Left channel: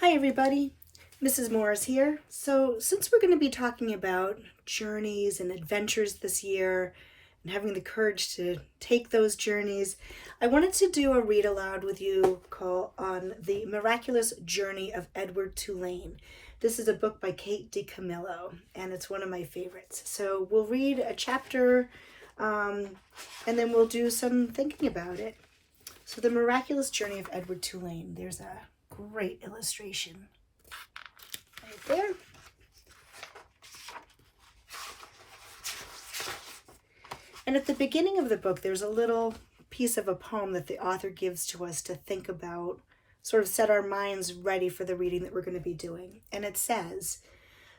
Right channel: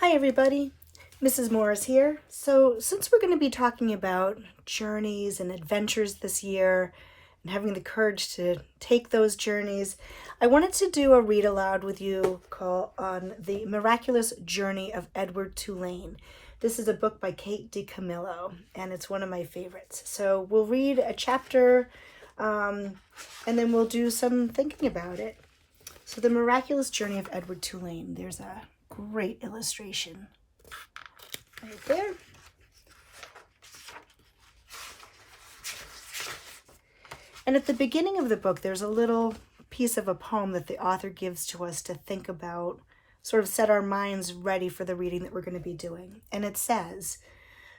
Hi everybody, Mrs. Morris here. So since we're going to be talking about journeys and adventures this year and having the courage to take those journeys, I wanted to do a read aloud with you on the Miraculous Journey of Edward Tulane. This is a book by Dicamillo and it's one of my favorites. So we'll read a chapter and then we'll do some thinking about it. So the Miraculous Journey of Edward Tulane. There's a great illustration right there. And at the beginning of the book, there's a little piece of a poem that the author gives to us to think about, sort of set our minds ready for the reading that we're going to be doing. And it says,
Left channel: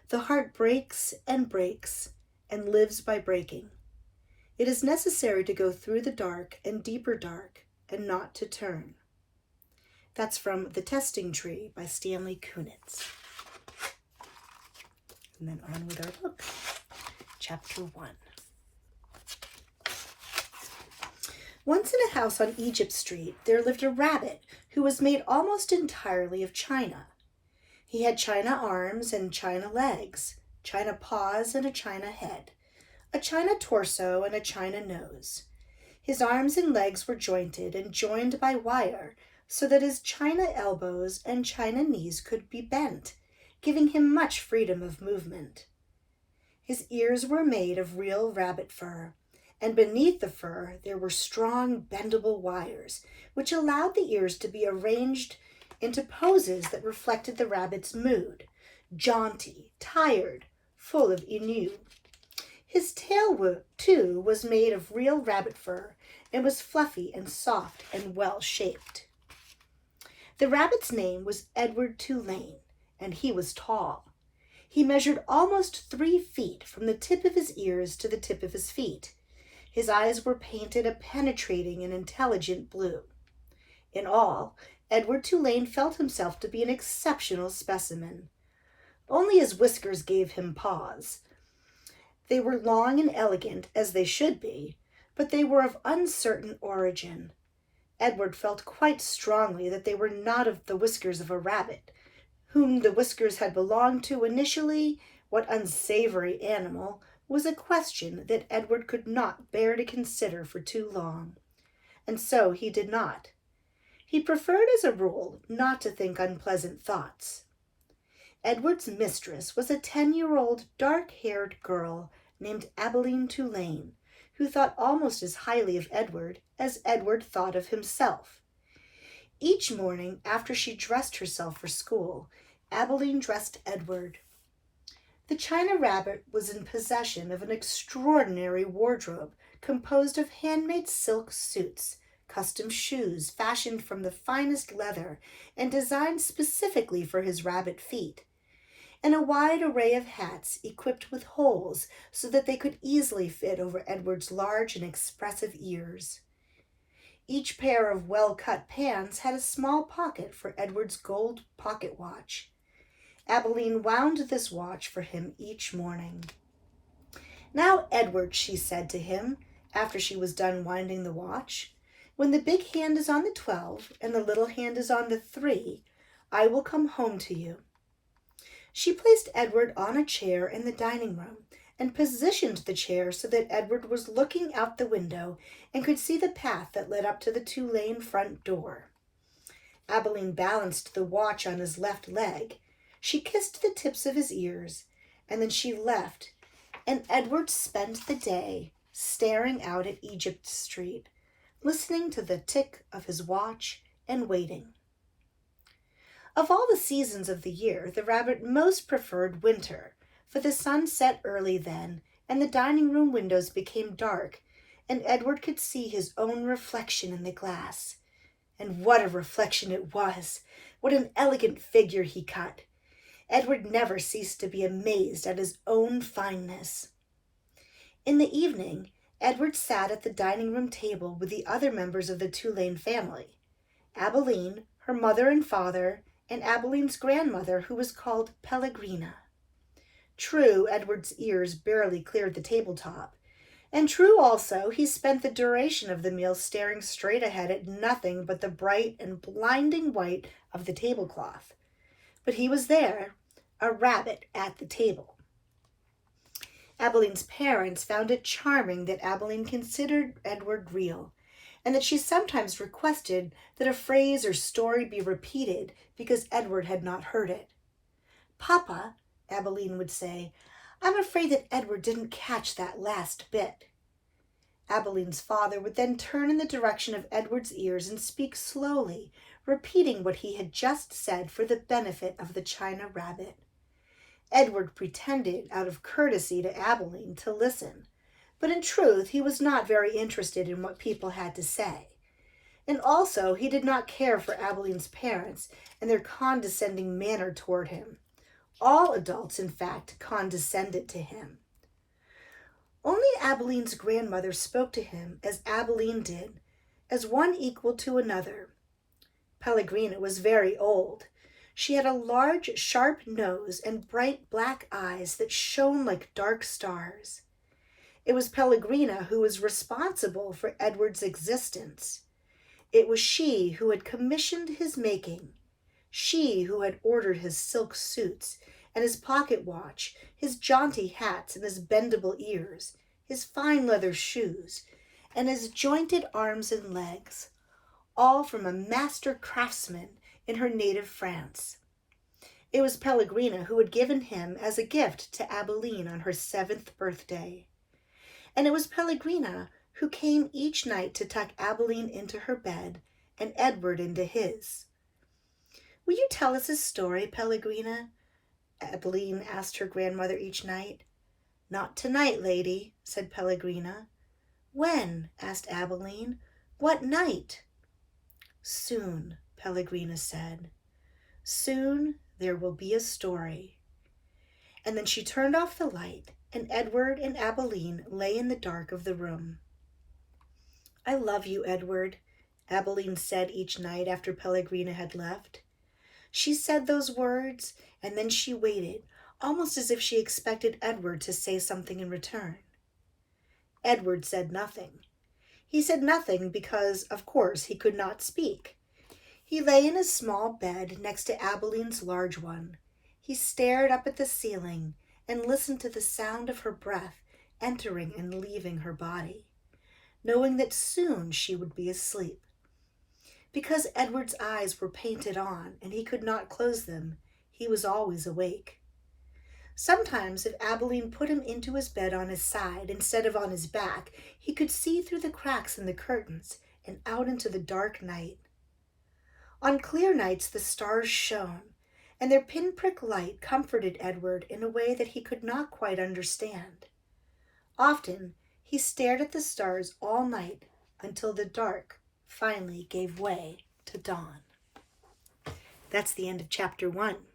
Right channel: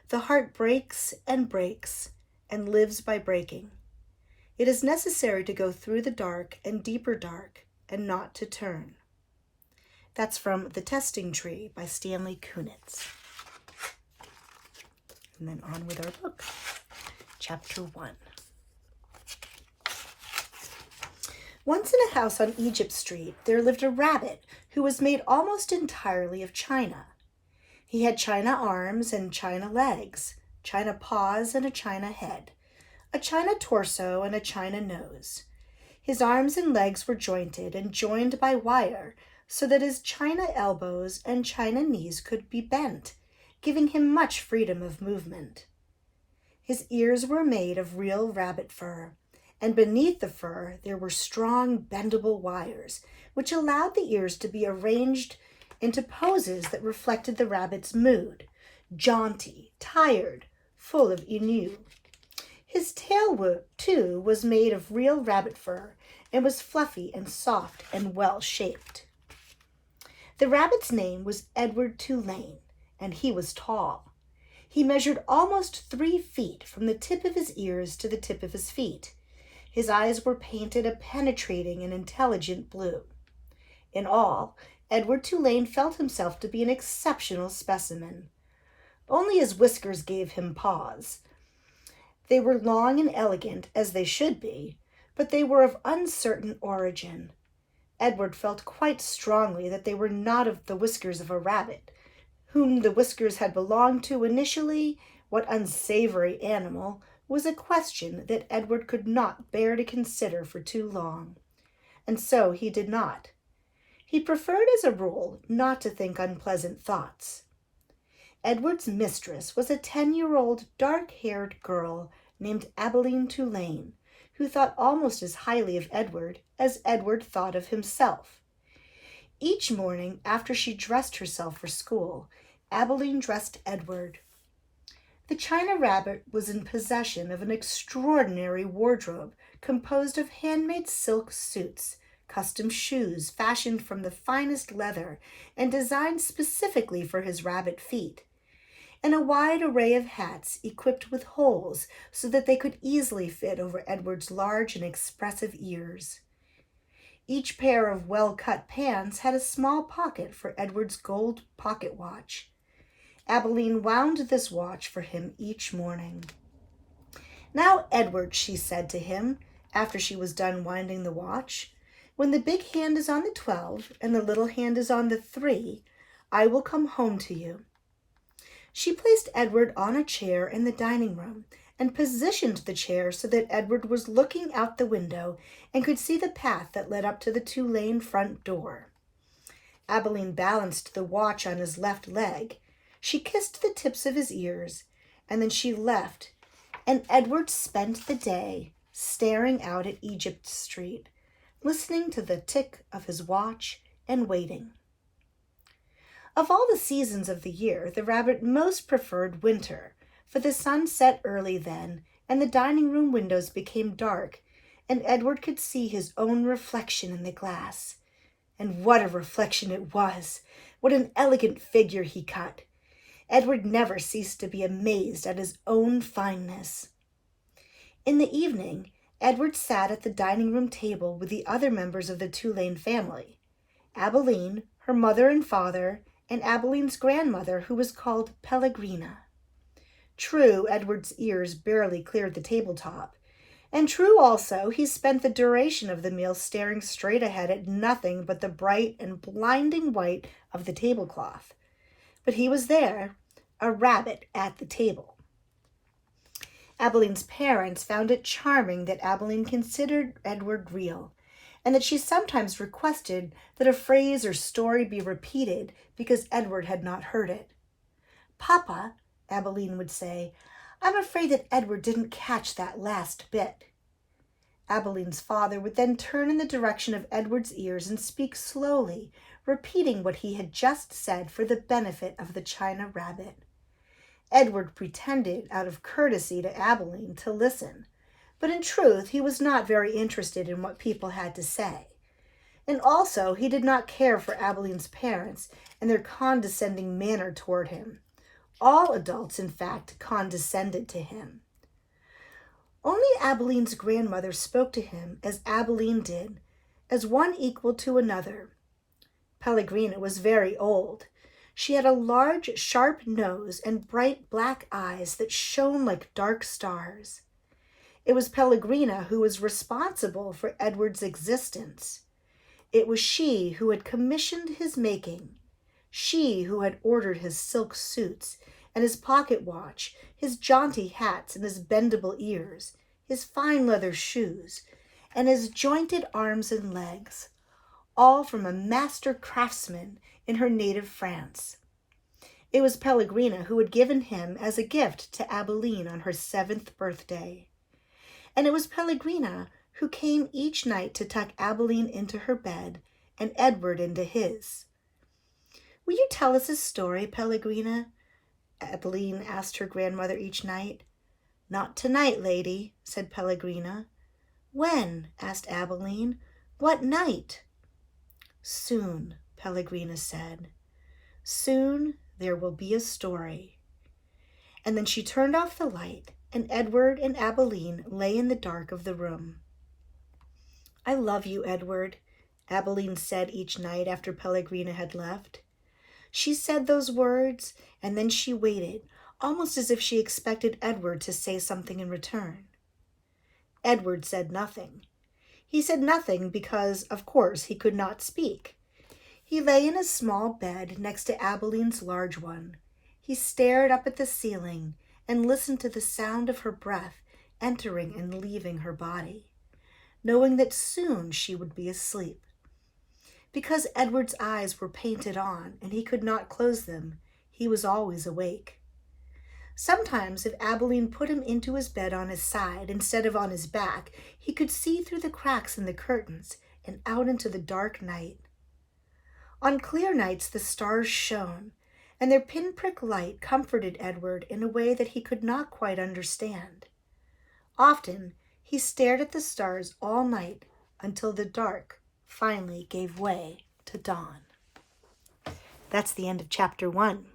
"The heart breaks and lives by breaking. It is necessary to go through the dark and deeper dark and not to turn." That's from The Testing Tree by Stanley Kunitz. And then on with our book, Chapter 1. Once in a house on Egypt Street, there lived a rabbit who was made almost entirely of china. He had china arms and china legs, china paws and a china head, a china torso and a china nose. His arms and legs were jointed and joined by wire, so that his china elbows and china knees could be bent, giving him much freedom of movement. His ears were made of real rabbit fur, and beneath the fur there were strong bendable wires, which allowed the ears to be arranged into poses that reflected the rabbit's mood: jaunty, tired, full of ennui. His tail, too, was made of real rabbit fur and was fluffy and soft and well-shaped. The rabbit's name was Edward Tulane, and he was tall. He measured almost 3 feet from the tip of his ears to the tip of his feet. His eyes were painted a penetrating and intelligent blue. In all, Edward Tulane felt himself to be an exceptional specimen. Only his whiskers gave him pause. They were long and elegant, as they should be, but they were of uncertain origin. Edward felt quite strongly that they were not of the whiskers of a rabbit. Whom the whiskers had belonged to initially, what unsavory animal, was a question that Edward could not bear to consider for too long. And so he did not. He preferred, as a rule, not to think unpleasant thoughts. Edward's mistress was a 10-year-old dark-haired girl named Abilene Tulane, who thought almost as highly of Edward as Edward thought of himself. Each morning, after she dressed herself for school, Abilene dressed Edward. The china rabbit was in possession of an extraordinary wardrobe composed of handmade silk suits, custom shoes fashioned from the finest leather and designed specifically for his rabbit feet, and a wide array of hats equipped with holes so that they could easily fit over Edward's large and expressive ears. Each pair of well-cut pants had a small pocket for Edward's gold pocket watch. Abilene wound this watch for him each morning. "Now, Edward," she said to him, after she was done winding the watch, "when the big hand is on the 12 and the little hand is on the 3, I will come home to you." She placed Edward on a chair in the dining room and positioned the chair so that Edward was looking out the window and could see the path that led up to the Tulane front door. Abilene balanced the watch on his left leg. She kissed the tips of his ears, and then she left, and Edward spent the day staring out at Egypt Street, listening to the tick of his watch and waiting. Of all the seasons of the year, the rabbit most preferred winter, for the sun set early then, and the dining room windows became dark, and Edward could see his own reflection in the glass. And what a reflection it was! What an elegant figure he cut! Edward never ceased to be amazed at his own fineness. In the evening, Edward sat at the dining room table with the other members of the Tulane family: Abilene, her mother and father, and Abilene's grandmother, who was called Pellegrina. True, Edward's ears barely cleared the tabletop, and true also he spent the duration of the meal staring straight ahead at nothing but the bright and blinding white of the tablecloth. But he was there, a rabbit at the table. Abilene's parents found it charming that Abilene considered Edward real, and that she sometimes requested that a phrase or story be repeated because Edward had not heard it. "Papa," Abilene would say, "I'm afraid that Edward didn't catch that last bit." Abilene's father would then turn in the direction of Edward's ears and speak slowly, repeating what he had just said for the benefit of the china rabbit. Edward pretended, out of courtesy to Abilene, to listen, but in truth he was not very interested in what people had to say. And also he did not care for Abilene's parents and their condescending manner toward him. All adults, in fact, condescended to him. Only Abilene's grandmother spoke to him as Abilene did, as one equal to another. Pellegrina was very old. She had a large, sharp nose and bright black eyes that shone like dark stars. It was Pellegrina who was responsible for Edward's existence. It was she who had commissioned his making, she who had ordered his silk suits and his pocket watch, his jaunty hats and his bendable ears, his fine leather shoes, and his jointed arms and legs, all from a master craftsman in her native France. It was Pellegrina who had given him as a gift to Abilene on her 7th birthday. And it was Pellegrina who came each night to tuck Abilene into her bed and Edward into his. "Will you tell us a story, Pellegrina?" Abilene asked her grandmother each night. "Not tonight, lady," said Pellegrina. "When?" asked Abilene. "What night?" "Soon," Pellegrina said. "Soon there will be a story." And then she turned off the light, and Edward and Abilene lay in the dark of the room. "I love you, Edward," Abilene said each night after Pellegrina had left. She said those words, and then she waited, almost as if she expected Edward to say something in return. Edward said nothing. He said nothing because, of course, he could not speak. He lay in his small bed next to Abilene's large one. He stared up at the ceiling and listened to the sound of her breath entering and leaving her body, knowing that soon she would be asleep. Because Edward's eyes were painted on and he could not close them, he was always awake. Sometimes, if Abilene put him into his bed on his side instead of on his back, he could see through the cracks in the curtains and out into the dark night. On clear nights the stars shone, and their pinprick light comforted Edward in a way that he could not quite understand. Often he stared at the stars all night until the dark finally gave way to dawn. That's the end of chapter 1.